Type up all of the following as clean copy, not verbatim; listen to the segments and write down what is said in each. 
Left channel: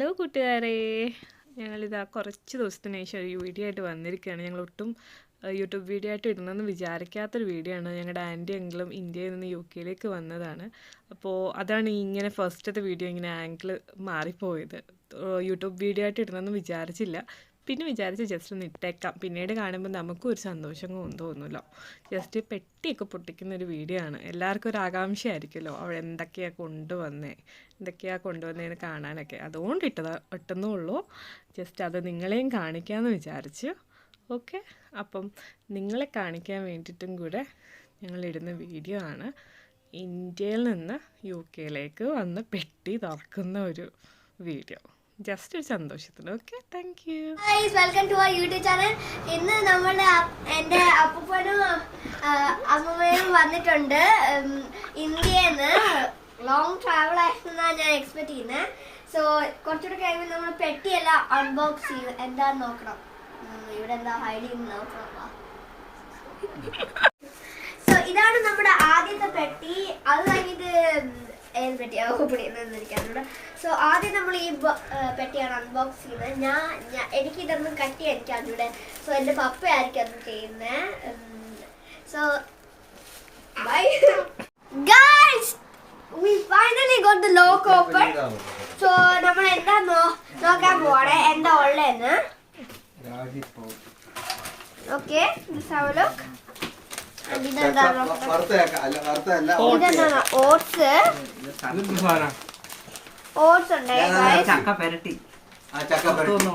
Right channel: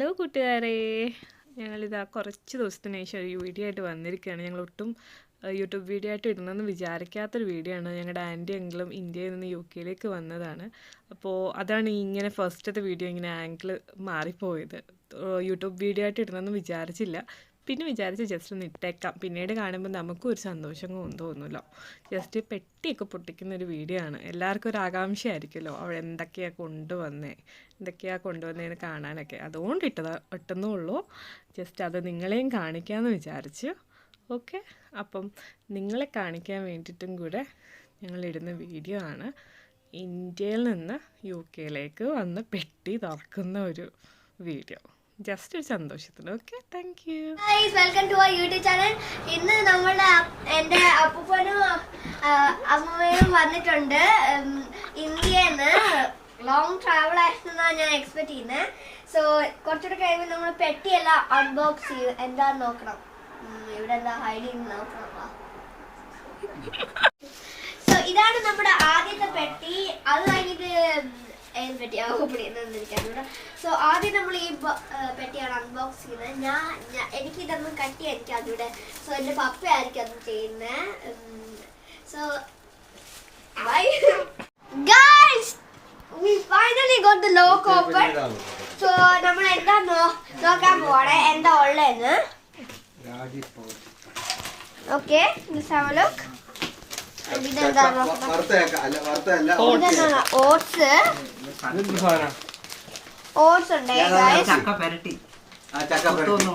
Hello കൂട്ടുകാരെ, ഞങ്ങളിതാ കുറച്ച് ദിവസത്തിന് ശേഷം ഒരു വീഡിയോ ആയിട്ട് വന്നിരിക്കുകയാണ്. ഞങ്ങൾ ഒട്ടും യൂട്യൂബ് വീഡിയോ ആയിട്ട് ഇടണമെന്ന് വിചാരിക്കാത്തൊരു വീഡിയോ ആണ്. ഞങ്ങളുടെ ആൻറ്റി അങ്കിളും ഇന്ത്യയിൽ നിന്ന് UK വന്നതാണ്. അപ്പോൾ അതാണ് ഇങ്ങനെ ഫസ്റ്റത്തെ വീഡിയോ ഇങ്ങനെ ആംഗിൾ മാറിപ്പോയത്. യൂട്യൂബ് വീഡിയോ ആയിട്ട് ഇടണമെന്ന് വിചാരിച്ചില്ല. പിന്നെ വിചാരിച്ച് ജസ്റ്റ് ഒന്ന് ഇട്ടേക്കാം. പിന്നീട് കാണുമ്പോൾ നമുക്കും ഒരു സന്തോഷം തോന്നുമല്ലോ. ജസ്റ്റ് പെട്ടിയൊക്കെ പൊട്ടിക്കുന്ന ഒരു വീഡിയോ ആണ്. എല്ലാവർക്കും ഒരു ആകാംക്ഷയായിരിക്കുമല്ലോ അവിടെ എന്തൊക്കെയാണ് കൊണ്ടുവന്നതെന്ന് കാണാനൊക്കെ. അതുകൊണ്ട് ഇട്ടെന്നേ ഉള്ളൂ. ജസ്റ്റ് അത് നിങ്ങളെയും കാണിക്കാമെന്ന് വിചാരിച്ചു. ഓക്കെ, അപ്പം നിങ്ങളെ കാണിക്കാൻ വേണ്ടിയിട്ടും കൂടെ ഞങ്ങളിടുന്ന വീഡിയോ ആണ്. ഇന്ത്യയിൽ നിന്ന് UK വന്ന് പെട്ടി തുറക്കുന്ന ഒരു വീഡിയോ. ജസ്റ്റ് ഒരു സന്തോഷത്തിന്. Okay, thank you. Welcome to our YouTube channel. ഇന്ന് എൻ്റെ അപ്പൂപ്പനും അമ്മയും വന്നിട്ടുണ്ട്. ഇന്ത്യയിൽ നിന്ന് ലോങ് ട്രാവൽ ആയിരുന്നാണ് ഞാൻ എക്സ്പെക്ട് ചെയ്യുന്നത്. സോ കുറച്ചുകൂടെ കഴിയുമ്പോൾ നമ്മൾ പെട്ടിയെല്ലാം അൺബോക്സ് ചെയ്യും. എന്താന്ന് നോക്കണം. ഇവിടെ എന്താ ഹൈഡ് ചെയ്യുന്ന നോക്കണം. സോ ഇതാണ് നമ്മുടെ ആദ്യത്തെ പെട്ടി. അത് കഴിഞ്ഞിട്ട് ഏത് പെട്ടിയാണ് ഓപ്പൺ ചെയ്യുന്നതെന്നിരിക്കാറുണ്ട്. സോ ആദ്യം നമ്മൾ ഈ പെട്ടിയാണ് അൺബോക്സ് ചെയ്യുന്നത്. എനിക്ക് ഇതൊന്നും കട്ടിയായിരിക്കും അതിവിടെ. സോ എൻ്റെ പപ്പയായിരിക്കും അത് ചെയ്യുന്നത്. So guys, we finally got the lock open. So നമ്മൾ എന്താ നോക്കാൻ പോവാണ് എന്താ ഉള്ളതെന്ന്. Okay, let's have a look. ഇതെന്താണ്? ഓട്സ് ഉണ്ട്. ചക്ക പെരട്ടി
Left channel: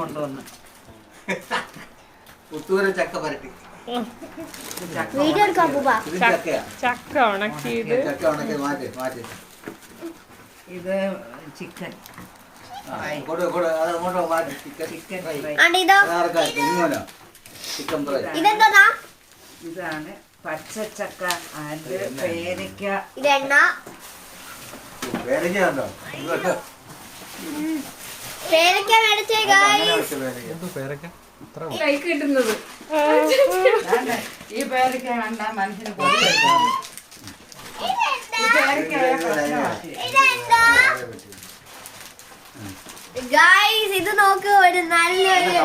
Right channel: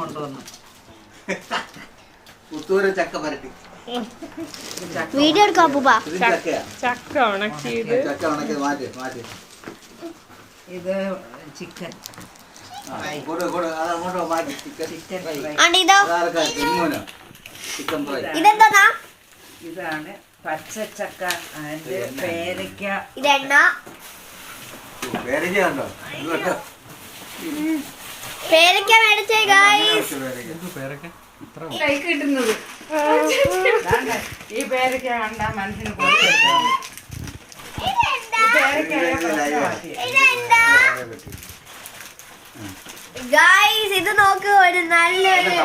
കൊണ്ടുവന്ന് വീഡിയോ എടുക്കാൻ പോവാ. ചക്ക ഉണക്കിയത്. ഇത് ചിക്കൻ ഇതെന്താ? ഇതാണ് പച്ചച്ചക്ക ആൻഡ് പേരയ്ക്ക. ഇതെണ്ണ. പേരയ്ക്ക മേടിച്ചേ ഗൈസ്. കിട്ടുന്നത് ഈ പേരയ്ക്ക കണ്ടാ മനസ്സിന് ഗൈസ് ഇത് നോക്ക്, ഒരു നല്ലൊരു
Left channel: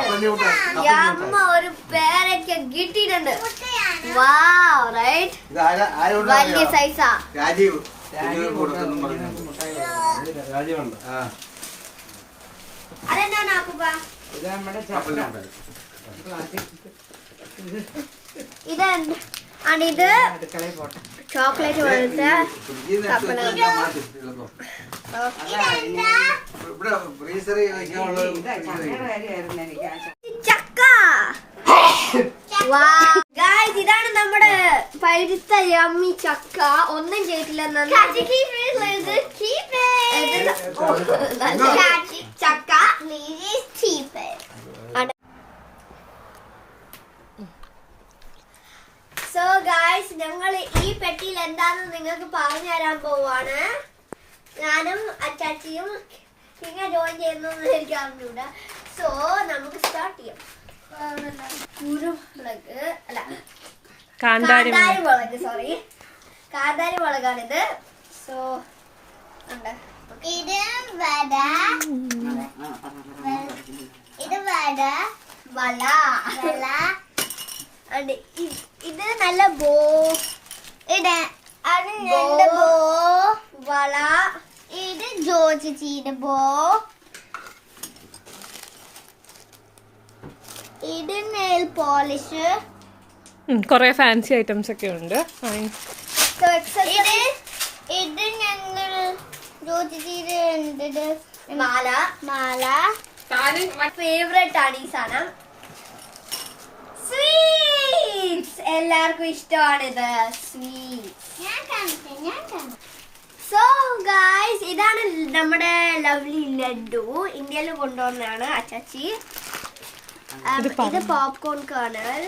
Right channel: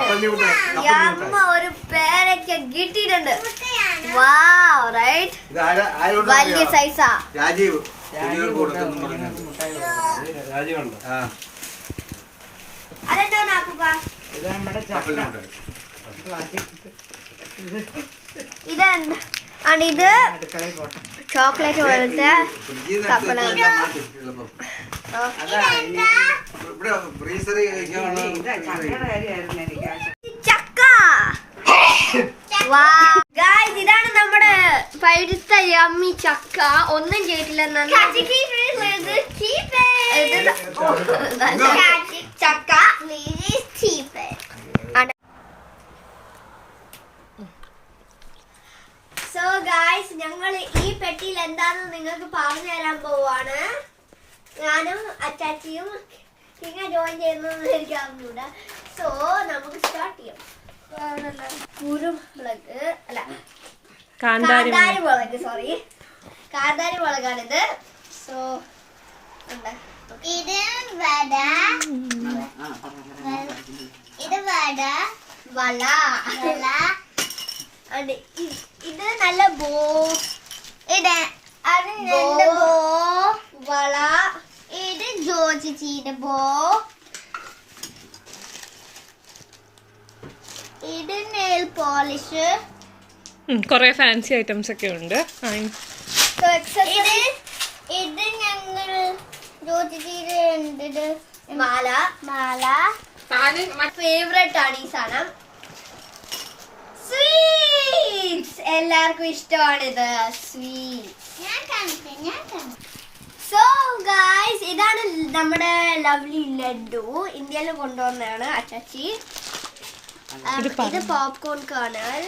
അമ്മ ഒരു പേരയ്ക്ക കിട്ടിയിട്ടുണ്ട്. വാവ്, റൈറ്റ്? വലിയ സൈസാ. അതെന്താണ് അപ്പൂപ്പ? ഇത് നമ്മുടെ ഇതെന്താണ്? ഇത് ചോക്ലേറ്റ് പോലത്തെ ചക്ക. ഇതാണ് നമ്മുടെ പഴുത്ത യമ്മി ചക്ക. ഒന്നും ചെയ്തിട്ടില്ല. ചക്ക. സോ ഗായ്സ്, ഞങ്ങൾ ഈ പെട്ടിയിൽ എന്താണെന്ന് നിങ്ങൾക്ക് പറഞ്ഞു തരാൻ പോവാണ്. ഞാനും അച്ചാച്ചിയും ഇങ്ങനെ ജോയിൻ ചെയ്യുന്ന എനിക്ക് അറിഞ്ഞൂടെ. സോ നമുക്ക് സ്റ്റാർട്ട് ചെയ്യാം. കുരുമുളക് അല്ല, കാന്താരി മുളക്. സോറി, കാന്താരി മുളകാണിത്. സോ ഇത് വട. ഇത് നല്ല ബോ. വള. ഇത് ജോജിയുടെ ബോ. ഇത് നെയിൽ പോളിഷ്. കുറെ ഫാൻസി ഐറ്റംസ് ഒക്കെ ഉണ്ട്. ഇത് ഞങ്ങൾ ജോജിയുടെ മാല. ഫേവറേറ്റ് ആണ് ഈ സാധനം. സ്വീറ്റ്സ് എല്ലാവർക്കും ഇഷ്ടമാണിത്. സ്വീറ്റ്സ്. സോ ഗായ്സ്, ഇതാണ് നമ്മുടെ ലവ്ലി ലഡു. ഇന്ത്യയിൽ കൊണ്ടുവന്നതാണ് അച്ചാച്ചി. ഇത് പോപ്കോൺ കേർണൽ.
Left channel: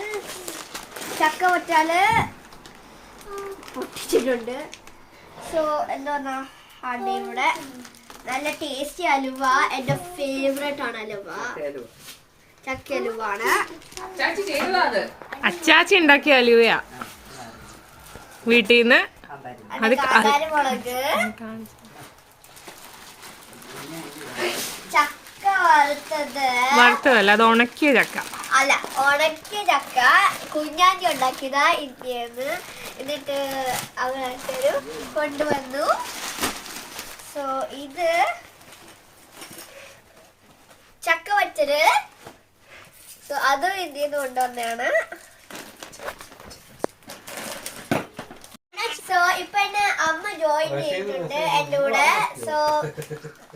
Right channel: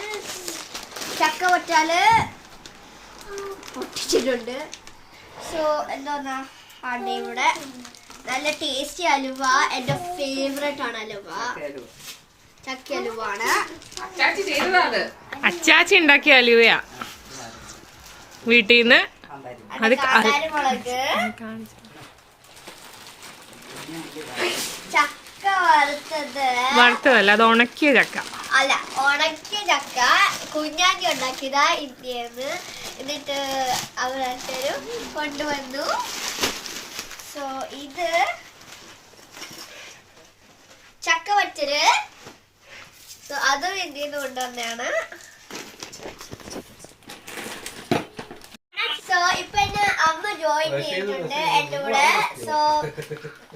ചക്ക പൊട്ടിച്ചിട്ടുണ്ട്. സോ എന്താ ഇവിടെ നല്ല ടേസ്റ്റി അലുവ. എൻ്റെ ഫേവറേറ്റ് ആണ് അലുവ. ചക്ക അലുവാണ്. അച്ചാച്ചി ഉണ്ടാക്കിയ അലുവയാ വീട്ടിൽ നിന്ന്. മുളക്. ചക്ക വറുത്തതല്ല, അത് ഉണക്കിയ ചക്ക. അല്ല, ഉണക്കിയ ചക്ക കുഞ്ഞാറ്റി ഉണ്ടാക്കിയതാ ഇന്ത്യന്ന്. എന്നിട്ട് അവരൊരു കൊണ്ടുവന്നു. സോ ഇത് ചക്ക വച്ചത്. സോ അതും ഇന്ത്യന്ന് കൊണ്ടുവന്നാണ്. സോ ഇപ്പൊ എന്നെ അമ്മ ജോയിൻ ചെയ്തിട്ടുണ്ട് എന്റെ കൂടെ. സോ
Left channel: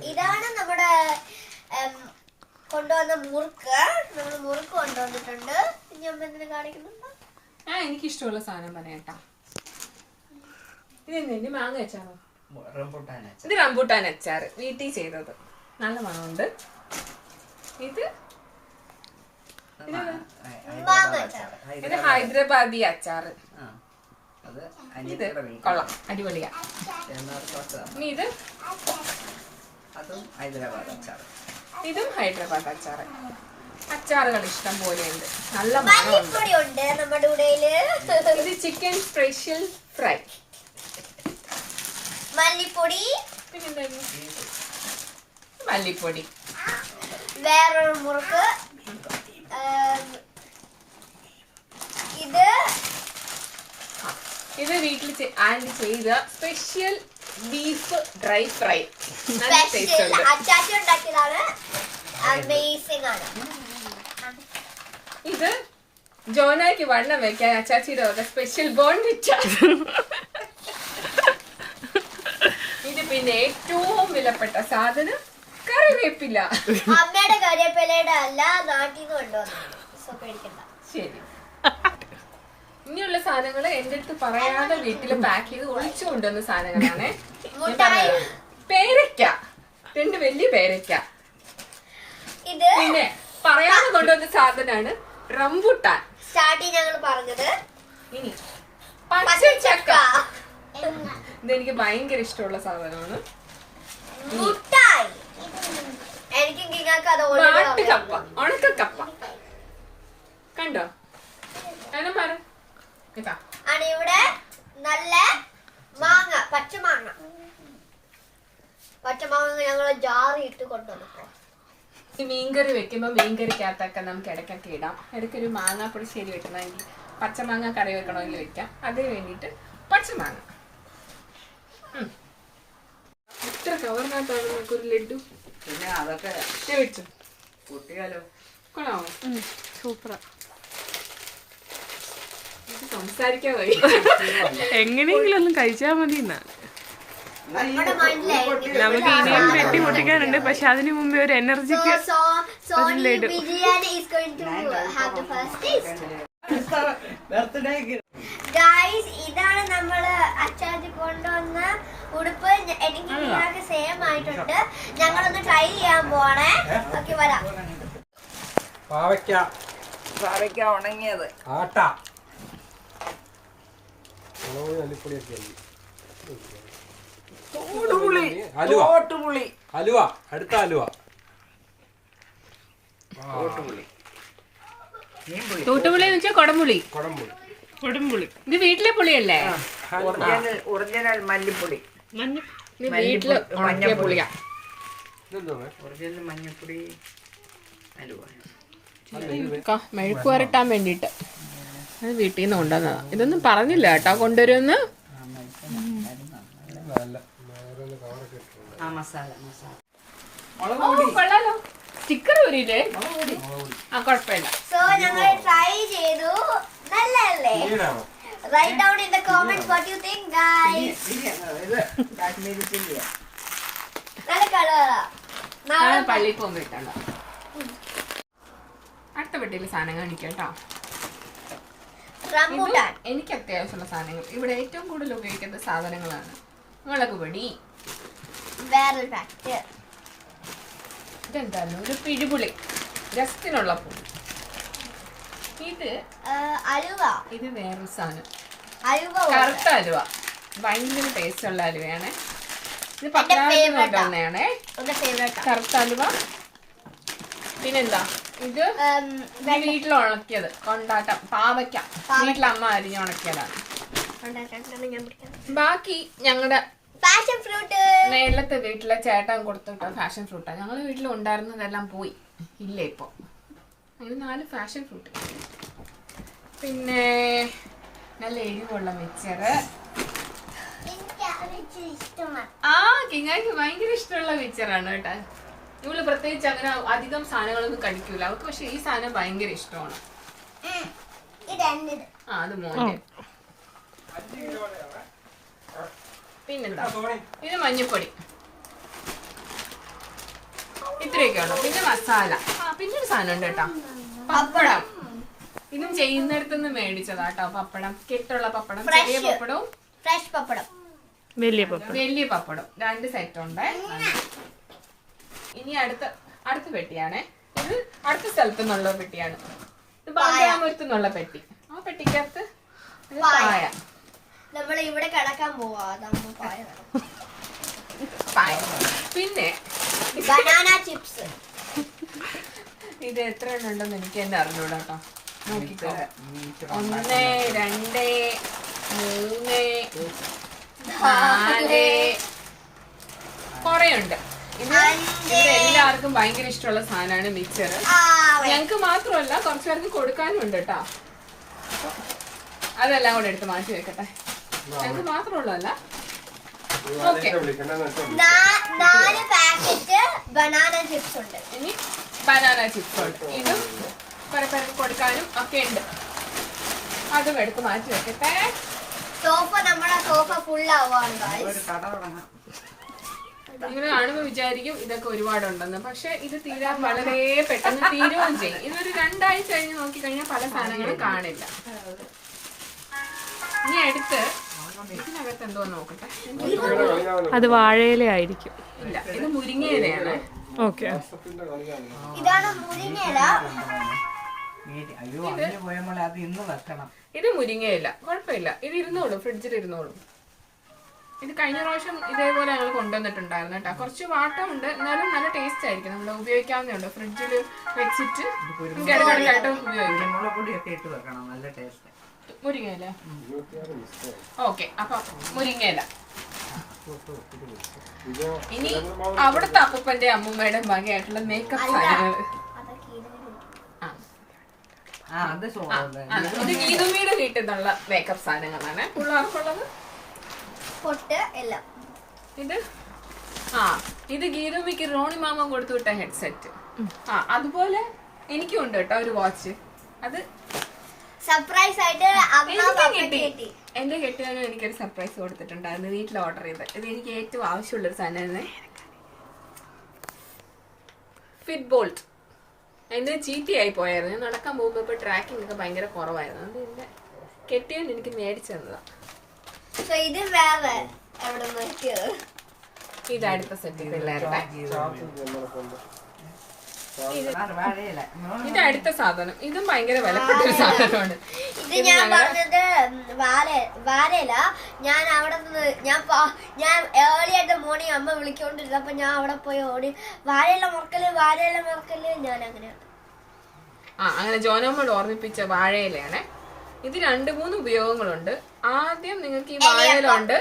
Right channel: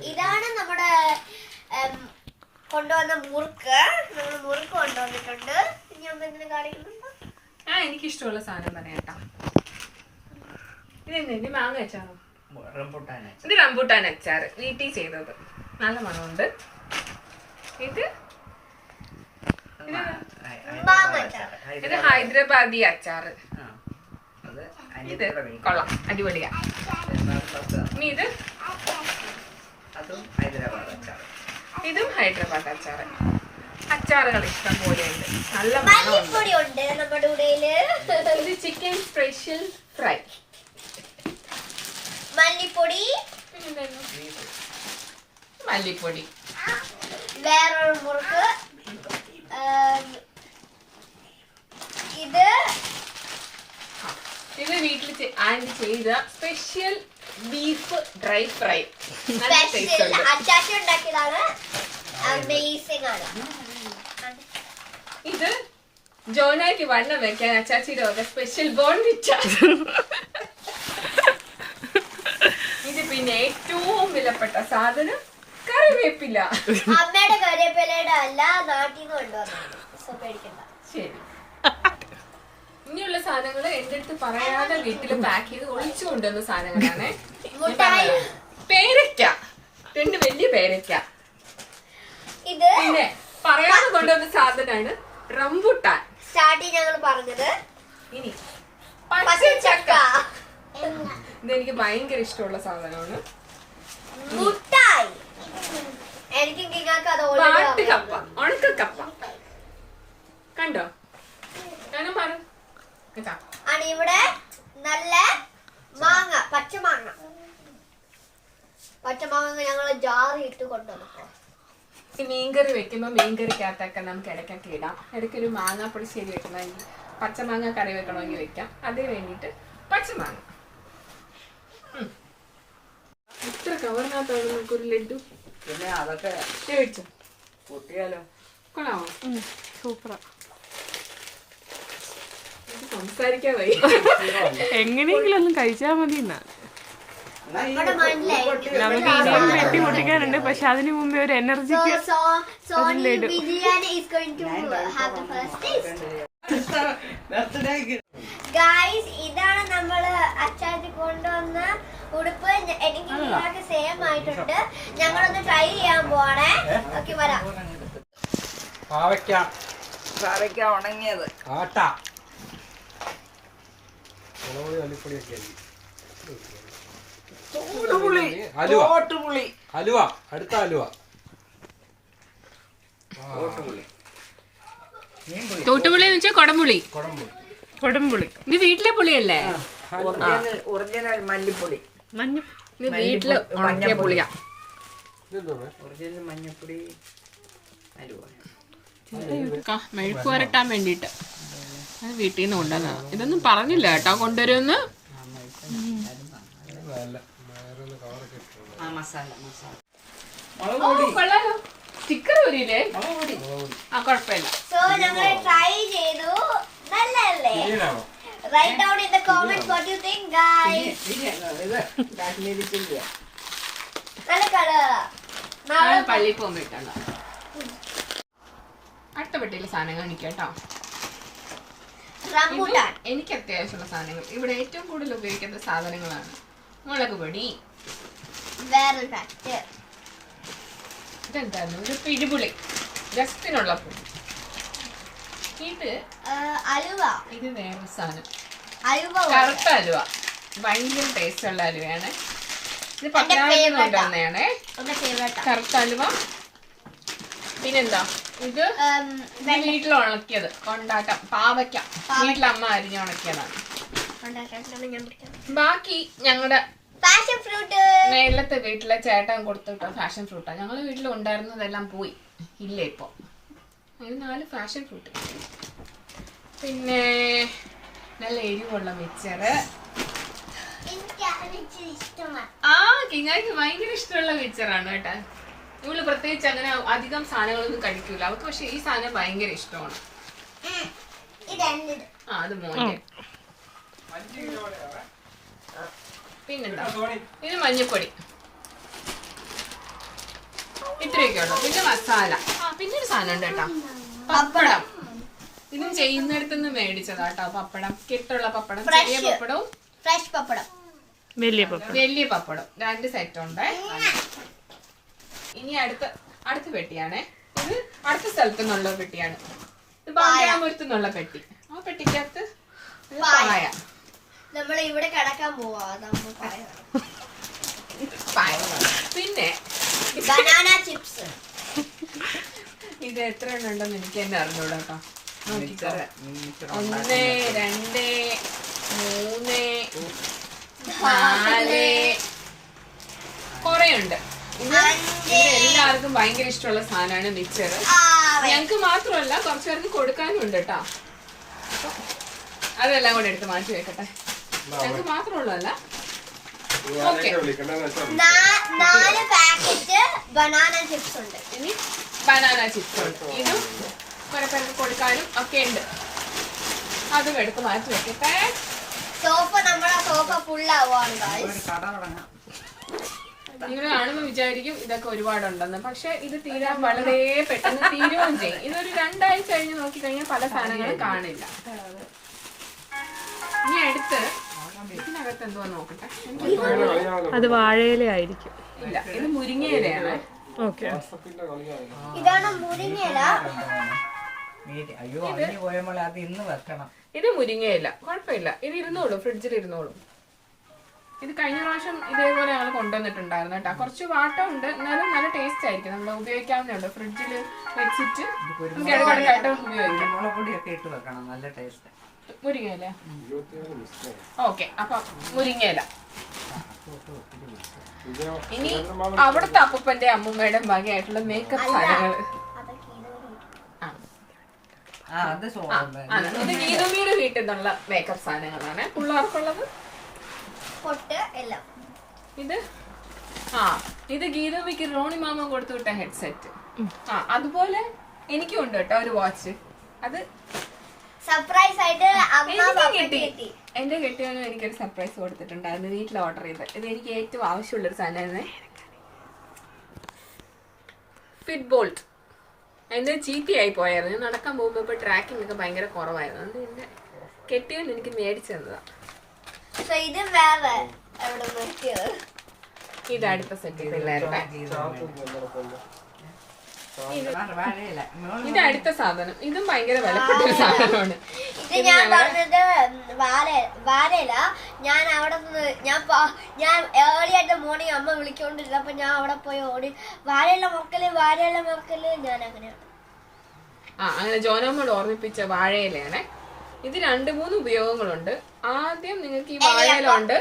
ഇതാണ് നമ്മുടെ കൊണ്ടുവന്ന മുറുക്ക്. നമ്മൾ മുറുക്ക് കൊണ്ടുവന്നിട്ടുണ്ട്. ഇനി അമ്മ എന്തിനു കാണിക്കുന്നുണ്ടോ? എനിക്കിഷ്ടമുള്ള സാധനം പറയാട്ടാ. ഇതെന്ത് മാങ്ങ അച്ചാറോ? ഇത് റംബൂട്ടാൻ അച്ചാറ്, വീട്ടിൽ ചെയ്തത്, നല്ല മണമുണ്ട്. ഇത് ഇത് ഹൈദരാബാദി അച്ചാറ്. ഇത് കൊള്ളാം, അടിപൊളിയാ. ഇനി ഇത് ഇതും ഹൈദരാബാദ് അച്ചാറ്. അച്ചാറുകൾ ഇഷ്ടം പോലെ ഉണ്ട്, നല്ല മല്ലിപ്പൊടി ഉണ്ട് നമ്മുടെ കൂടെയില്. ഇത് ചിക്കൻ സ്പെഷ്യൽ ഫ്രൈ. മല്ലിപ്പൊടി, മല്ലിപ്പൊടി, വേറൊരു മുറുക്ക്. ഇത് ഇത് വീട്ടിൽ ആൻഡ് ചെയ്ത സ്പെഷ്യൽ ബീഫ് ഡ്രൈ ഫ്രൈ. അച്ചാച്ചി ഉണ്ടാക്കിയതാണ്. അമേസിംഗ് ആണ്. ഇത് ജോനായ്ക്ക് വണ്ണം വെക്കാൻ അച്ചാച്ചിയുടെ വക സ്പെഷ്യൽ ബോൺവിറ്റ. ഇത് പിന്നെ ഏറ്റവും വിലപ്പെട്ട സാധനം കറിവേപ്പില. അമ്മയുടെ കറിവേപ്പിലയുടെ അല്ല, നാട്ടിൽ നിന്ന് കൊണ്ടുവന്നു. ശരി, ഇനിയുള്ള സാധനങ്ങള് എന്റെ അടുത്ത് പറയാതെ വീട്ടില് പാക്ക് ചെയ്ത് ഒളിച്ചു കൊണ്ടുവന്ന സാധനങ്ങളാണ്. പേരയ്ക്ക, 2 വലിയ പേരയ്ക്ക. പിന്നെ പറയാതെ കൊണ്ടുവന്ന സാധനമാണ് റംബൂട്ടാൻ. സ്റ്റാർട്ടിങ് ഞങ്ങൾ പറഞ്ഞത്. ഇനി പച്ചച്ചക്ക, ഇതെനിക്ക് ഭയങ്കര ഇഷ്ടമുള്ള സാധനമാണ്. മുട്ടായി, എനിക്ക് വാട്ടുകപ്പ, ഉണക്കക്കപ്പ. കണ്ടോ? ആണ് ഇവിടെ നല്ല മാങ്ങ, പച്ചമാങ്ങ. പച്ചമാങ്ങ ഞങ്ങൾ ജാറി ഇട്ട് കൊണ്ടുവന്നപ്പോ. മീൻകറി വെക്കുമ്പോ മീൻകറിക്കകത്തൊക്കെ നമുക്ക് ഇടയ്ക്കൊക്കെ ഇടാം. ഇടയ്ക്കൊരു മാങ്ങ പുളിശ്ശേരി വെക്കണമെങ്കിൽ, പച്ചമാങ്ങ കറി വെക്കണമെങ്കിൽ വെക്കാം. അതിന് വേണ്ടിയിട്ട് പച്ചമാങ്ങ. ഇത്ര കവറിനകത്താണ് നമുക്കൊരു ലഡു. പിന്നെ അതൊക്കെ വെച്ചു കൂട്ടിയാലോ? കൊള്ളാമോ? സൂപ്പറാ. സംസാരിക്കാൻ വയ്യ. എങ്ങനെയെങ്കിലും ഒന്നും കഴിച്ചാൽ മതി. നമുക്ക് ഇനിയും വെട്ടി പൊട്ടിക്കാനുണ്ട്, പക്ഷെ അതിനു മുമ്പേ ഒരു എനർജിക്ക് ലഡു. ഇതാണ് നമ്മള് അച്ചാച്ചി കൊണ്ടുവന്ന ഉടുപ്പ്. എനിക്ക് നിങ്ങൾക്ക് സെയിം ആയിട്ടുണ്ട്. ഞങ്ങളൊന്ന് ട്രൈ ചെയ്യാൻ പോണേ. ഓക്കെ, വരാം. പാവയ്ക്ക ഉണങ്ങിയത്, അലുവ, അടുത്ത അലുവ, തോട്ടുപുളി എന്ന് വെച്ചാൽ കൊടംപുളി. കൊടംപുളി ഇത് വീട്ടിലെ പുളിയല്ലേ? ഒറിജിനൽ മല്ലിപ്പൊടി. ഇത് വീട്ടില് ഉണക്കിയ പുളിയാ. ഒറിജിനൽ മഞ്ഞപ്പൊടി അലുവ. മെഴുക്ക് വരട്ടാൻ വേണ്ടിട്ട് അത് വീട്ടിൽ നിന്ന് കൊണ്ടുവന്നതാ. ഇതൊന്നും പറഞ്ഞില്ല കേട്ടോ കൊണ്ടുവരുമെന്ന്. സ്റ്റിക്കർ വരില്ലേ? ആ, കുഴപ്പമില്ല. സോ ഞങ്ങൾ ട്രൈ ചെയ്തു. നല്ലല്ലേ? Write down in the comments what you think guys. നല്ല കളറാ. നാളെ പള്ളിയിൽ പോകുമ്പോൾ ഇട്ടണ്ട. അടുത്ത പെട്ടിയിലെ സാധനം കാണിക്കാം കേട്ടോ. റംബൂട്ടാൻ. എനിക്ക് അത്യാവശ്യമുള്ള സാധനങ്ങൾ, ഇവിടെ ഏറ്റവും കൂടുതൽ ഉപയോഗിക്കുന്ന സാധനങ്ങളാണ്. മുളക് പൊടി, വേറൊരു ഫാക്ടർ. ഇതെന്തായിരുന്നു? ഒരു പിഴിപുളി, രസത്തിനുള്ള പുളി. ഇത് അലുവ. ഇത് വേറൊരു സാധനം, അലുവ, കറുത്ത അലുവ. ഭയങ്കര ടേസ്റ്റ് ഉള്ള അലുവയാണ്. ഇത് പത്തനാപുരത്ത് കൊണ്ടുവന്നതാണ് കറുത്ത അലുവ. പിന്നെന്താ ഇത്? വീട്ടിൽ ഉണക്കിയത് കൊണ്ടാട്ടം, പാവയ്ക്ക വീട്ടിലമ്മ അരിഞ്ഞ് ഉണക്കിയതാണ്. ബാക്കി ഞങ്ങളുടെ പാഷൻ ഫ്രൂട്ട്. മേലത്തെ വീട്ടിലെ ചേട്ടൻ കൊടുത്തിട്ട ഫാഷൻ ഫ്രൂട്ടാണ്. ഞങ്ങളുടെ വീട്ടിൽ ഉണ്ടായിരുന്നതെല്ലാം പോയി, ഇല്ല ഇപ്പോൾ. അങ്ങനെ 4 ഫാഷൻ ഫ്രൂട്ട്. പിന്നെ നല്ല എരിവുള്ള മിച്ചറ്. കിങ്ങാക്ക് ഭയങ്കര ഇഷ്ടമുള്ള മിച്ചറാണ് കേട്ടോ. ഇവള് പ്രത്യേകിച്ച് അങ്ങനെ അധികം സാധനങ്ങളൊന്നും കഴിക്കൂല, അവർക്ക് പക്ഷെ ഈ സാധനം ഭയങ്കര ഇഷ്ടമാണ്. അത് മോനെ. പിന്നെന്താ, ഇത് മഞ്ഞപ്പൊടി, ഇത്രയൊക്കെ ഉള്ളു. പിന്നെ മസാല. പിന്നെ ഒരു സാധനം ഉണ്ട് കേട്ടോ, പപ്പടം. ഇതും ചെയ്യുന്നിടത്തുനിന്ന് മേടിച്ചതാട്ടോ പപ്പടം. കെട്ടുള്ള പപ്പടം, ചെറിയ പപ്പടവും ഫ്രഷ് പപ്പടം, വലിയ പപ്പടം. 2 സെറ്റ് ഉണ്ട്. ഇനി അടുത്ത പെട്ടിയാണേ. ഇത് അടുത്ത സ്ഥലത്തു നിന്നുള്ള പെട്ടിയാണ്. ഇത് ബാങ്കാമൂരത്തു നിന്നുള്ള പെട്ടി. ആ പെട്ടിക്കകത്ത് പായ. നമ്മൾ ഇവിടെ കിടക്കാൻ പോവാ. പിന്നെ ബനാന ചിപ്സ്. ഇത് എത്ര എണ്ണം ഉണ്ടെന്ന് എനിക്ക് തന്നെ അറിഞ്ഞൂടാ കേട്ടോ. നോക്കിക്കോ. 1 2 3 4 കൊറേ ഉണ്ട്. ഇത് എല്ലാവർക്കും ഭയങ്കര ഇഷ്ടമുള്ള സാധനമാണ് മിച്ചർ. ഞങ്ങക്ക് മാത്രമല്ല, കുറച്ചു പേർക്ക് കൊടുക്കാനും ഉണ്ട് കേട്ടോ. അതെല്ലാം കൂടെ എടുത്ത് മാറ്റി വെക്കട്ടെ. ഞങ്ങക്ക് മാത്രമുള്ളതല്ല. ഓക്കെ, 4 പാക്കറ്റ് ബനാന ചിപ്സ് ഉണ്ട്. ഇനി ബനാന ചിപ്സ് ഉണ്ട്. ഇതും കുറെ പേർക്ക് കൊടുക്കാനും ഒക്കെ ഉണ്ട്. അതും എടുത്ത് മാറ്റി വെക്കട്ടെ. നമ്മുടെ സോഫ ഫുൾ ആവാണ്. നിങ്ങൾ കാണുമ്പോൾ വിചാരിക്കും ഇതൊക്കെ ഒരുപാടുണ്ടെന്ന്. പക്ഷെ ഇത് തീരാൻ വളരെ പെട്ടെന്ന് തീരുകയും ചെയ്യും. ഇതൊരു 2 ആഴ്ച കഴിഞ്ഞ് നോക്കിക്കഴിഞ്ഞാൽ പല സാധനങ്ങളും കാണില്ല. ഇനി അടുത്ത് ഇതിനകത്ത് എന്തോ നോക്കട്ടെ. അത് വാഴയില ആയിരിക്കും. ഇല്ല, ഇത് മുരിങ്ങയിലയാണ്. ഓക്കെ, ഇതാണ് മുരിങ്ങയില. ഇത് മുരിങ്ങയില, കുഴപ്പമില്ല. ഇത് ഇരുന്നോളും, ഫ്രിഡ്ജിൽ ഇരുന്നോളും. ഇത് കഴിഞ്ഞ പ്രാവശ്യം ഇതേപോലെ ഞങ്ങൾ കൊണ്ടുവന്നിട്ടുണ്ടായിരുന്നു കേട്ടോ. കുറച്ച് വാട്ടമുണ്ട്, എന്നാലും നല്ല ടേസ്റ്റ് ആയിരിക്കും. നമ്മൾ ഉപയോഗിക്കാവുന്നതുണ്ട്. ഫ്രിഡ്ജിൽ വെച്ചിട്ട് നമുക്ക് ഇടയ്ക്കിടയ്ക്കായിട്ട് ഉപയോഗിക്കാം. മുരിങ്ങയില. ഓക്കെ, അപ്പൊ മുരിങ്ങയില. ഇനി അവിടുത്തെ അപ്പൂപ്പന്റെ അമ്മൂമ്മയുടെ വകയായിട്ടുള്ള മേക്കപ്പ് സാധനങ്ങള്. ഇത് ഗീതമ്മയുടെ വീട്ടിൽ നിന്നുള്ള മേക്കപ്പ് സാധനങ്ങളാണ് പിള്ളേർക്കുള്ളത്. ഇത് ഗീതമ്മയ്ക്ക് റോണി മാമ കൊടുത്തു വിട്ട ഹെഡ്സെറ്റ്. അതുപോലെ എനിക്കും ഉണ്ട് കേട്ടോ ഒരു വാച്ച്. അത് സർപ്രൈസ് ആയിട്ട് കിട്ടി. എന്റെ കെട്ടിയവനും എനിക്കൊരു സർപ്രൈസ് കൊടുത്തിട്ടുണ്ടായിരുന്നു വീട്ടിൽ ഓർഡർ ചെയ്ത്. ഇത് എനിക്ക് ഏറ്റവും ആവശ്യമുള്ളൊരു സാധനമായിരുന്നു. Fit bolt. എന്റെ ചീത്തയായി പോയായിരുന്നു. നടക്കാൻ പോകുമ്പോ ഇപ്പൊ ട്രാക്കിംഗ് ഒക്കെ ഭയങ്കര കുറവായിരുന്നു. അത് എന്റെ കെട്ടിയവൻ എനിക്ക് മേടിച്ചു തന്നതാ. ഇത് അടുത്ത സെറ്റ് പിള്ളേരുടെ. ഇത് അടുത്ത സാധനം. ഇതും ഭയങ്കര വിലപ്പെട്ട ഒരു സാധനമാണ്. ഇത് ഞാൻ പറഞ്ഞത് വാരയില. ഞാൻ അവിടെ ഞാൻ ഏർലി ആയിട്ട് മോർണിംഗ് അമ്മ വിളിക്കൊണ്ടിരുന്നപ്പോ ഞാൻ അവിടെ പോയി ഓടി വാരയില മുറക്കല് ഞാൻ അങ്ങനെയാണ്. അങ്ങനെ ജോനോമോട് ഓർമ്മിപ്പിച്ച വാഴയിലയാണ്. ഇത് 2-3 ഉപയോഗങ്ങളുണ്ട്. ആദ്യം നിങ്ങൾക്ക് ഈ വാഴയില കൊണ്ട്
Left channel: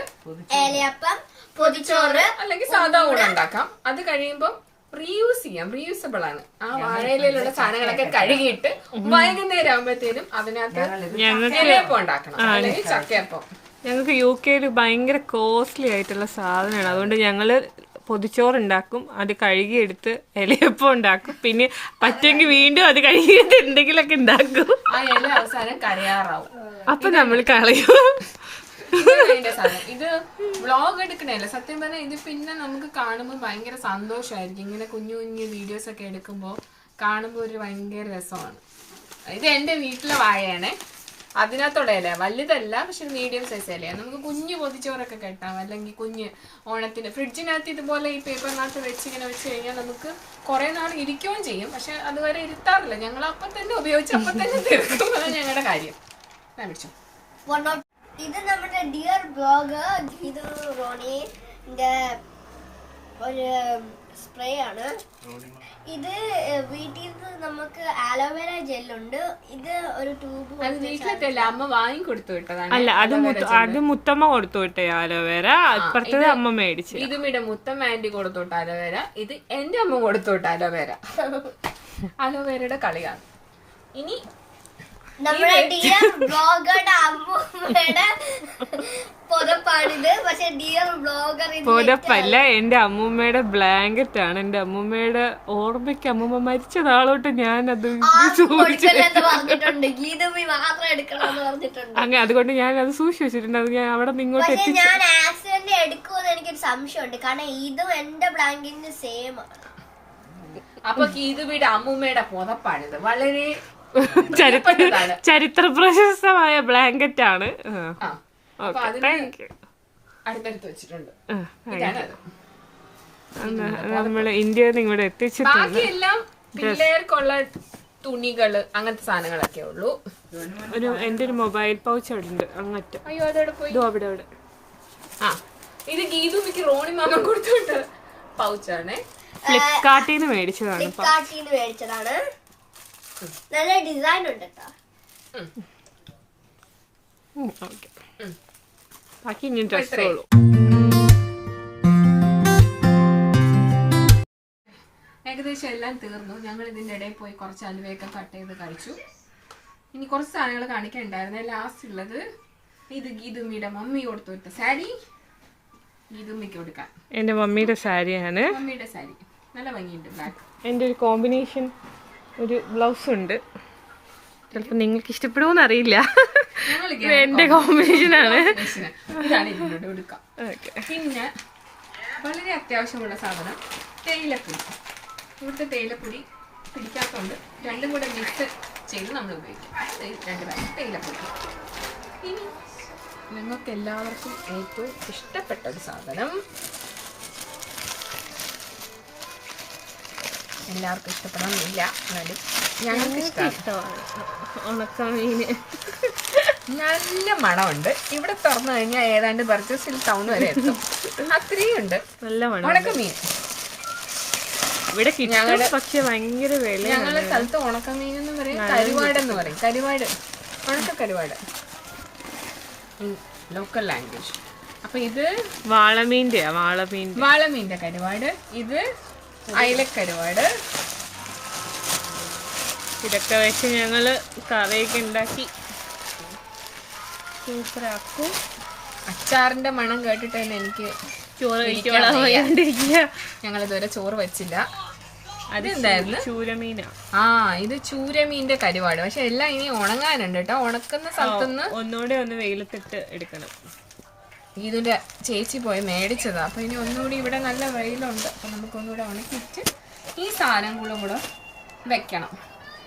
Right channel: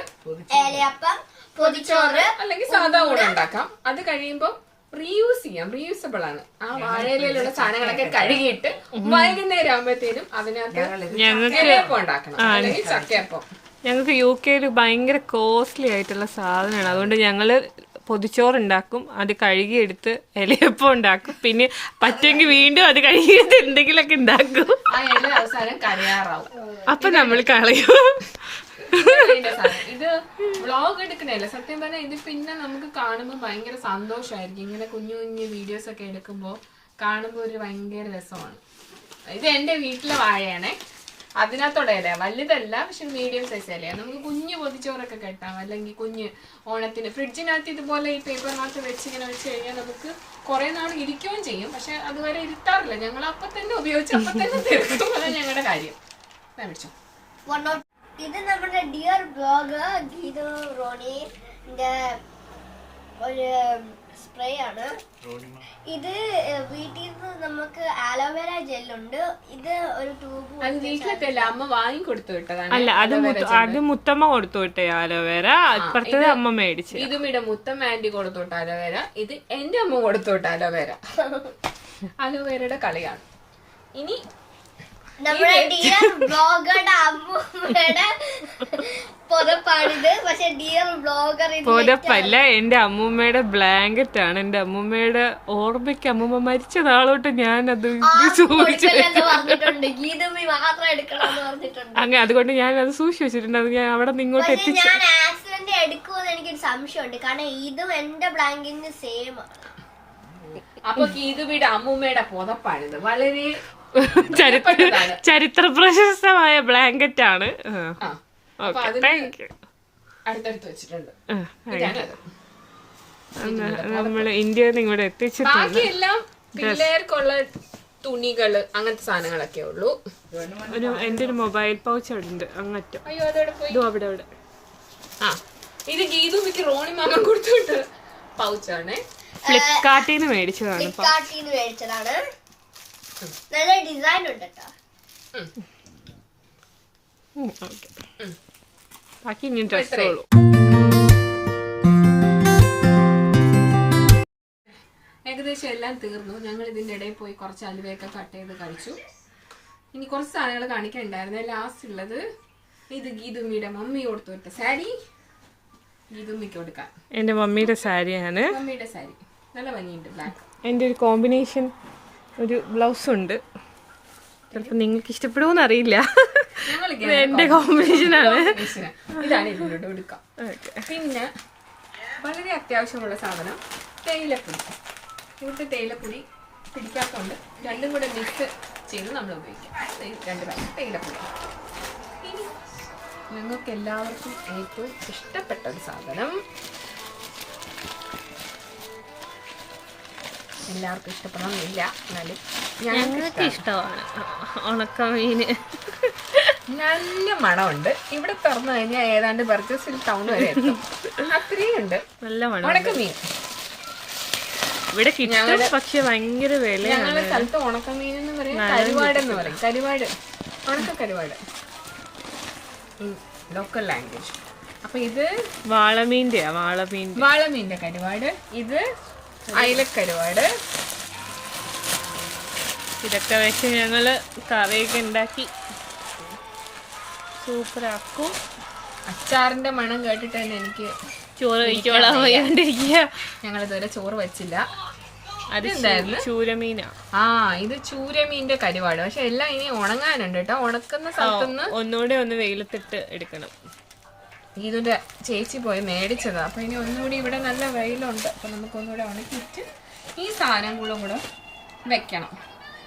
ഏലയപ്പം, പൊതിച്ചോറ് അല്ലെങ്കിൽ സാധാ ഊണ് ഉണ്ടാക്കാം. അത് കഴിയുമ്പോൾ റീയൂസ് ചെയ്യാം. റീയൂസബിൾ ആണ്. ആ വാഴയിലുള്ള സാധനങ്ങളൊക്കെ കഴുകിയിട്ട് വൈകുന്നേരം ആകുമ്പോഴത്തേനും അതിനകത്ത് ഇലയപ്പം ഉണ്ടാക്കണം, അല്ലെങ്കിൽ ചക്കയപ്പം. ഞങ്ങൾക്ക് UK ഭയങ്കര കോസ്റ്റ്ലി ആയിട്ടുള്ള സാധനമാണ്. അതുകൊണ്ട് ഞങ്ങള് പൊതിച്ചോറുണ്ടാക്കും, അത് കഴുകിയെടുത്ത് ഇലയപ്പം ഉണ്ടാക്കും, പിന്നെ പറ്റുമെങ്കിൽ വീണ്ടും അത് കഴുകിയെടുത്ത് എന്തെങ്കിലുമൊക്കെ ഉണ്ടാക്കും. ആ ഇല അവസാനം കരയാറാവും. അപ്പൊ നമ്മൾ കളയും. ഇത് വ്ളോഗ് എടുക്കണല്ല സത്യം പറഞ്ഞാൽ. ഇത് പിന്നെ നമുക്ക് കാണുമ്പോൾ ഭയങ്കര സന്തോഷമായിരിക്കും. ഇങ്ങനെ കുഞ്ഞു കുഞ്ഞു വീഡിയോസ് ഒക്കെ എടുക്കുമ്പോൾ കാണുമ്പോൾ ഒരു ഭയങ്കര രസമാണ്. ഇത് എന്റെ വീട്ടിലെ വാഴയാണേ. അതിനകത്തുള്ള ഇല വലുതല്ല, പക്ഷെ മീഡിയം സൈസ് ഇലയാണ്. നമുക്ക് കുഞ്ഞ് പൊതിച്ചോറൊക്കെ കെട്ടാം, അല്ലെങ്കിൽ കുഞ്ഞ് ഓണത്തിന് ഫ്രിഡ്ജിനകത്ത് ഇതുപോലെ ഈ പേപ്പറിനകത്ത് ഇങ്ങനെ വെച്ച് കഴിഞ്ഞാൽ നമുക്ക് കുറെ നാൾ ഇരിക്കുകയും ചെയ്യും. പക്ഷെ അതുവരെ ഇരുത്താറില്ല. ഞങ്ങൾ അപ്പം തന്നെ ഉപയോഗിച്ച് അപ്പം തന്നെ തീർക്കും. അതാണ് ഞങ്ങളുടെ കാര്യം. പിടിച്ചോ. ഇത് നമ്മുടെ ഡിയർ ബ്ലോഗർ ഗീതു റോണിന്റെ ഒരു സ്പ്രേ ആണ്. ഇത് വീട്ടിൽ നിന്ന് നമുക്ക് ആലോവേര ജെല്ലുണ്ട്. ഇത് ഒരു ട്യൂബ്. അത് വീട്ടിലത്തെ അമ്മ വാങ്ങി കൊടുത്തു വിട്ടതാണ്. അല്ല അത് മുത്തമ്മ കൊടുത്തു വിട്ടേ ആലോവേര. അപ്പുറത്തത് അമ്മ മേടിച്ചു. ഇതും ഇവിടെ മുത്തമ്മ ആന്റി കൊടുത്തു വിട്ട അലോവേര. ഇത് എന്റെ അമ്മ കൊടുത്തു വിട്ട അലോവേര. അലോവേരയുടെ കളിയാണ്. ഇനി നമ്മുടെ ഡിയർ ബ്ലോഗറുടെ അമ്മൂമ്മയുടെ പുതപ്പാണിത്. പക്ഷെ ഡിയർ ബ്ലോഗർ പുതപ്പല്ല, എന്റെ അമ്മൂമ്മയുടെ ബ്ലാങ്കറ്റ് ആണ്. എന്റെ അമ്മൂമ്മയുടെ ഓർമ്മയ്ക്ക് അമ്മൂമ്മ മരിച്ച നാളോട്ട് ഞാൻ അത് പറഞ്ഞിട്ടുണ്ട്. ഗീതമ്മി മാത്രം എടുക്കണമെന്ന് പറഞ്ഞിട്ടുണ്ട്. അങ്ങനെ അതുകൊണ്ട് ഞാൻ അത് സൂക്ഷിച്ചു വെച്ചിട്ടുണ്ട്. അത് ഞാൻ അവിടെ നിന്ന് ഇങ്ങോട്ട് എത്തിച്ചു. ഞാൻ ആക്സിഡന്റ് എടുക്കുമെന്ന് എനിക്കൊരു സംശയമുണ്ട്. കാരണം ഇതും എന്റെ ബ്ലാങ്കിന് സെയിം ആണ്. അപ്പൊ ഗീതുവിയുടെ അമ്മൂമ്മയുടെ പുതപ്പാണിത്. വളരെ ചരിത്ര പ്രശസ്തമായ ബ്ലാങ്കറ്റ് ആണ്. അടുത്തടുത്ത് വെച്ചിട്ടുണ്ട്. നമ്മള് ഇന്ത്യയിൽ നിന്ന് ഇവിടെ എത്തിച്ചിട്ടുണ്ട്. ബാക്കിയെല്ലാം പിള്ളേർക്കുള്ള തുണികള് അങ്ങനത്തെ സാധനങ്ങളൊക്കെ ഉള്ളൂ. എന്റെ ഒരു മൊബൈൽ പൗച്ച് അവിടെ ഉണ്ട് അങ്ങറ്റം. അയ്യോ അതോടെ പോയി. അവിടെ അവിടെ. ആ ഇത് ഗീതുമിക്ക് റോണി മാമ കൊടുത്തുവിട്ട പൗച്ചാണ്. ഫ്ലിപ്കാർട്ടിൽ നിന്ന് മേടിച്ചതാണ്. നല്ല ഡിസൈൻ ഉണ്ട് കേട്ടോ. ബാക്കി ഇനി ഡ്രസ്സുള്ളൂ. ഏകദേശം എല്ലാം തീർന്നു. ഞങ്ങൾ ഇതിൻ്റെ ഇടയിൽ പോയി കുറച്ച് അലുവയൊക്കെ കട്ട് ചെയ്ത് കഴിച്ചു. ഇനി കുറച്ച് സാധനങ്ങൾ കാണിക്കാനുണ്ടായിരുന്നു. ലാസ്റ്റ് ഉള്ളത് ഇത് ഗീതുമ്മിയുടെ മമ്മി കൊടുത്തു വിട്ട സാരി. ഗീതുമ്മിക്ക് കൊടുക്കാൻ എന്റെ മമ്മിയുടെ സാരിയാണ്. മമ്മിയുടെ സാരി നല്ല ഭംഗിയുണ്ട്. ബ്ലാക്ക്. എൻ്റെ ഒരു കോമ്പിനേഷൻ ഒരു ബ്ലൗസ് ഉണ്ട്. ചിലപ്പോൾ നിങ്ങൾക്ക് ഇഷ്ടപ്പെടുമോന്ന് അറിയില്ല. എന്റെ കോമ്പിനേഷൻ ആണ്. ഇതാണ് ഇതിനോട് കൊടുക്കാം. പിന്നെ വളരെ അത്യാവശ്യമുള്ള സാധനം തേയിലപ്പൊടി. ഇവിടുത്തെ തേയിലപ്പൊടി പിടിക്കാത്തതുകൊണ്ട് രണ്ടും കൂടെ മിക്സ് ചെയ്ത് നമ്മൾ ഉപയോഗിക്കാം. 2 പാക്കറ്റ് തേയിലപ്പൊടി. ഇനി നിങ്ങൾക്ക് എല്ലാവർക്കും ഏറ്റവും ഇഷ്ടപ്പെട്ട ഒരു സാധനം, എല്ലാവർക്കും ഇഷ്ടപ്പെടണമെന്നില്ല, എന്നാലും ഞങ്ങൾക്ക് ഇഷ്ടമാണ് ഉണക്കമീന്. നല്ല മണമുണ്ട്. ഇവിടെ തുറന്നു കഴിഞ്ഞാൽ ഏതാണ്ട് ബർജസിൽ ടൗൺ വരെ എത്തും. അത്രയും ഉണ്ട്. നല്ല മണം. ഉണക്കമീൻ ഇവിടെ കിട്ടും, പക്ഷെ ഭയങ്കര വില. ഞങ്ങളുടെ സ്ഥലത്ത് ഉണക്കമീൻ എന്ന് പറയും, കരുവാട് എന്ന് പറയും. കരുവാട്, ഉണക്ക കരുവാട് ലോക്കൽ ലാംഗ്വേജ്. അപ്പൊ ഇത് വാളമീന്റെ കരുവാട്. ഇത് അയിലക്കരുവാട്. ഇതൊക്കെ വെച്ച് ഞങ്ങള് കറിയൊക്കെ ഉണ്ടാക്കി സൂപ്പറാക്കും. അച്ചാറിന്റെ മണം കേട്ടിട്ട് തന്നെ എനിക്ക് ചോറ് കഴിക്കോളാൻ വയ്യാണ്ടിരിക്കുക. ഞങ്ങൾ ഇതുവരെ ചോറ് വെച്ചില്ല. അതെന്തായിരുന്നു? ചൂരമീനാ. ഇത് ചൂരമീന്റെ കരുവാട്. പക്ഷെ എല്ലാം ഇനി ഉണങ്ങാനുണ്ട് കേട്ടോ. ഉണക്കുന്ന സ്ഥലത്തുനിന്ന് ഒന്നുകൂടെ ഒന്ന് വെയിലത്തിട്ട് എടുക്കണം. ഇതിന്റെ ചേച്ചി പോയി മേടിച്ചതാ. അപ്പൊ ഇനി ഒന്നുകൂടി ഇവിടെ നല്ല വെയിലുണ്ട്. അപ്പൊ നമുക്ക് ഒന്നുകൂടെ ഉണക്കിയിട്ട് ഈ സാധനങ്ങളും കൂടെ വെക്കണം.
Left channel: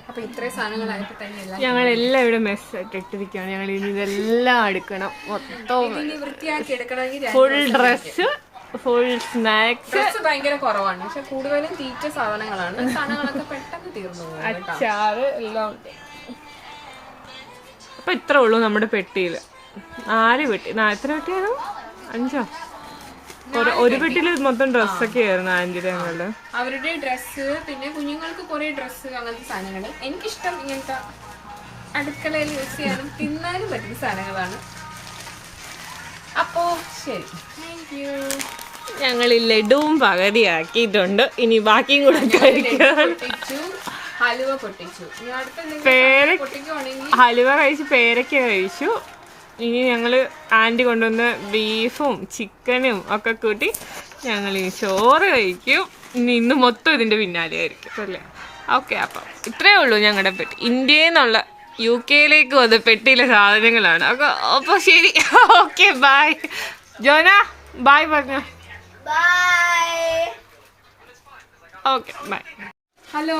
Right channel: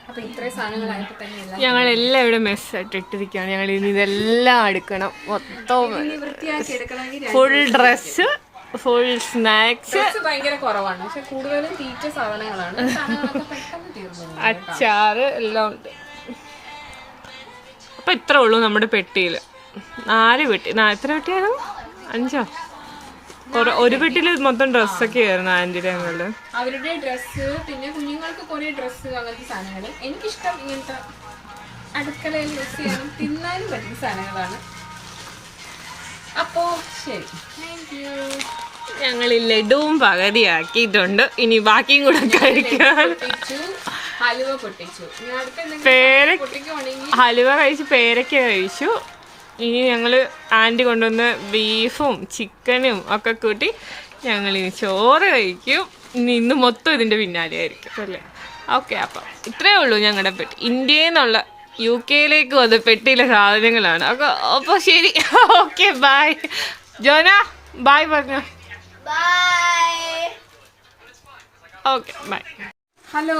അപ്പൊ ഇത്രയും സാധനങ്ങളായിട്ട് തന്നെ ഞങ്ങളെല്ലാം ഇവിടെ മെസ്സായിട്ട് ഇട്ടിരിക്കുകയാണ്. ഞങ്ങൾ ഇനി ഇതെല്ലാം എടുക്കണം. മൊത്തം വൃത്തിയാക്കി എടുക്കണമെങ്കിൽ ഫുൾ ഡ്രസ്സ്, ഫുൾ സ്നാക്സ്. ഭയങ്കര കുറവാണ്. പക്ഷെ കൂടുതലും തീറ്റ സാധനങ്ങളാണ്. സാധനങ്ങളൊക്കെ പെട്ടെന്ന് തീർന്നു. അച്ചാറ് എല്ലാം ഉണ്ട്. അപ്പൊ ഇത്ര ഉള്ളൂ നമ്മുടെ പെട്ടിയില്. 4 പെട്ടി. എത്ര പെട്ടിയാണോ? 5ഓ? ഒരു പെട്ടിയില് മൊത്തം ഡ്രസ്സൊക്കെ ആയിരുന്നു ആന്റിയുടെ ഞങ്ങളുടെ. അവരുടെ ഡ്രസ്സ്, പിന്നെ കുഞ്ഞുങ്ങൾക്ക് കുറെ ഡ്രസ്സ്, അങ്ങനത്തെ സാധനങ്ങൾ. എനിക്കിഷ്ടം ഇങ്ങനത്തെ അടുക്കളയിൽ യൂസ് ചെയ്യാനും തിന്നാനും പറ്റുന്ന സാധനങ്ങളാണ്. അപ്പോ ശരി, താങ്ക് യു. ഞങ്ങൾ ഈ ലഡുവും പകുതിയാക്കിയിട്ടുണ്ട്. ഇനി ബാക്കിയും കൂടെ കഴിക്കണം. ഹലുവ പൊട്ടിച്ചു. ഇനി അടുത്ത പൊട്ടിക്കുവാണെങ്കിൽ ഹലുവ കഴിച്ച് പേരയ്ക്ക കഴിച്ചു. ഇനി ഞങ്ങൾ ആൻറ്റി കൊണ്ടുവന്ന ബീഫും ചിക്കനും ഒക്കെ കൂട്ടി ഞങ്ങൾ ഇനി ചോറ് കഴിക്കും. ഇന്ന് മൊത്തം ഇതിൻ്റെ പിന്നാലെ ആയിരിക്കും അല്ലേ? ഓക്കെ, അപ്പം ഇത്രയേ ഉള്ളൂ ഞങ്ങളുടെ പെട്ടി. ഇന്ത്യയിൽ നിന്നുള്ള UK വന്ന പെട്ടിയിലെ സാധനങ്ങളാണ്. അപ്പോൾ ശരി, ഓക്കെ, ബൈ. ജോന ബൈ പറഞ്ഞോ. Okay, bye. ഹലോ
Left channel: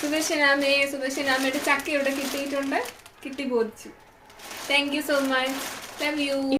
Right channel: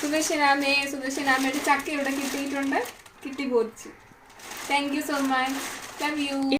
സുദർശനാമയുടെ ചക്ക ഇവിടെ കിട്ടിയിട്ടുണ്ട്. കിട്ടി പോച്ചു. Thank you so much. Love U.